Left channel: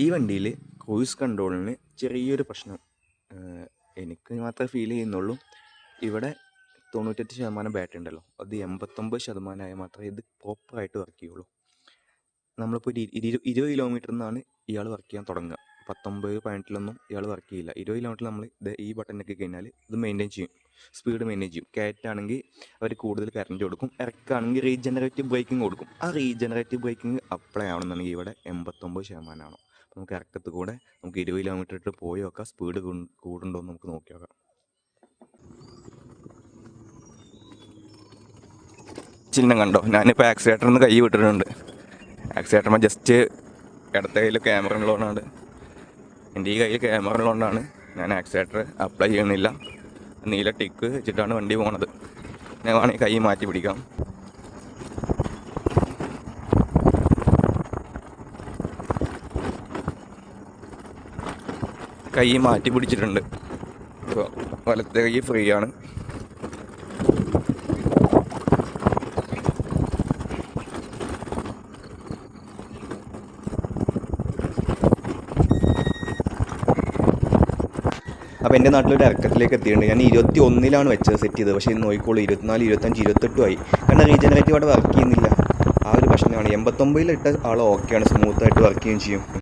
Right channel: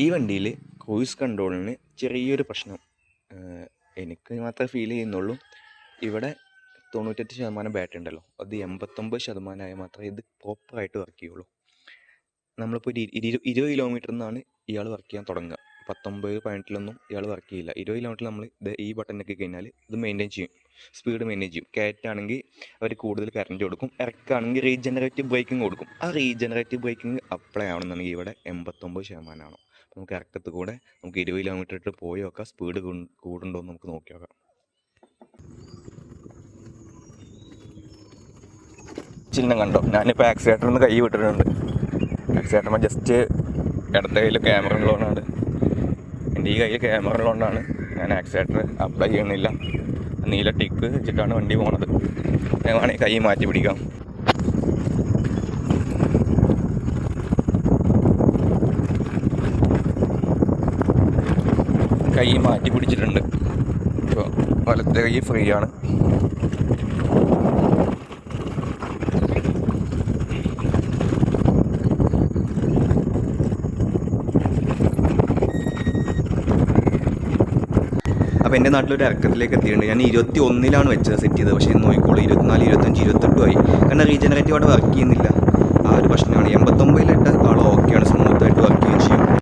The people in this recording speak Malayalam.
ഈ വണ്ടിയിൽ ക്രൂയിസ് കൺട്രോളിന് ചെറിയൊരു പ്രശ്നം എനിക്ക് മാത്രമേ ഫീൽ ചെയ്യുന്നുള്ളൂ. ഇവിടെ 98% ബാറ്ററി ഉണ്ടല്ലോ, അത് 89% മാത്രമേ ഇത് പ്രോപ്പറായിട്ട് വർക്ക് ചെയ്യുള്ളൂ. നമ്മളിപ്പോൾ ഒരു 20 കിലോമീറ്ററിൽ നിന്നാണ് ഇയാൾ വർക്ക് ചെയ്യാൻ തുടങ്ങുക. 19-18 ഇയാൾ വർക്ക് ചെയ്യില്ല. 20 കിലോമീറ്റർ നമ്മൾ ഈ ബട്ടൺ ഞെക്കി കഴിഞ്ഞാൽ ഇത് മെയിൻറ്റെയിൻ ചെയ്യും, സ്പീഡ് മെയിൻറ്റെയിൻ ചെയ്യും. കയറ്റാണെങ്കിൽ അവർ കൂടുതൽ കറണ്ട് കൊടുക്കും, ഇറക്കാണെങ്കിൽ റീജനറേറ്റീവ് ബ്രേക്കിംഗ് കൊടുക്കും. ആ റീജനറേറ്റീവ് ബ്രേക്കിംഗ് അപ്ലൈ ആവണമെന്നുണ്ടെങ്കിൽ ഇവിടെ 89%. അപ്പോൾ നമുക്ക് ഇറക്കത്തിൽ കൂടെ നമുക്ക് 20 കിലോമീറ്റർ ഇട്ട് പോയി നോക്കാം, സ്പീഡ് കൂടുണ്ടോ എന്ന് നമുക്ക് നോക്കി നോക്കാം. ചിഹ്നം കണ്ടോ? ഞാനിപ്പോൾ ആക്സിലേറ്ററിൽ നിന്ന് കൈ വിട്ടിട്ടുണ്ട്. ആക്സിലേറ്ററിന് ജസ്റ്റ് ഇടത്തെ കയ്യിൽ ക്യാമറ ഉള്ളതുകൊണ്ടാണ്, എൻ്റെ ഈ കയ്യിൽ ക്യാമറ ഉള്ളതുകൊണ്ടാണ് ഞാൻ ആക്സിലേറ്റർ അപ്ലൈ ചെയ്യുന്നില്ല. നീല ടിക്ക് വെച്ചിട്ടാണ് വണ്ടി പോണത്. ഞാൻ വേണമെങ്കിൽ കൈ മാറ്റി പിടിക്കാം. കൈ മാറ്റി പിടിച്ചിട്ടുണ്ട്. ഇപ്പോൾ വലത്തെ കൈ ഫ്രീ ആണ്. അപ്പോൾ എൻ്റെ നാട്ടിലൊരു ഇറക്കത്തിലേക്ക് എത്തിയിട്ടുണ്ട്. ഞാൻ 21-ലാണ് വെച്ചത് സെറ്റ് ചെയ്തത്. പക്ഷേ ഇന്ന് നോക്കിക്കോളൂ 24, 25, 28 ആയി. കാരണം റീജനറേറ്റീവ് അവിടെ വർക്ക് ചെയ്യുന്നില്ല. ആ ഒരു പ്രശ്നമാണ്. 89-ലിട്ട ആൾ ഓക്കെയാണ്, സ്മൂത്തായിട്ട് വർക്ക് ചെയ്യുകയും ചെയ്യും.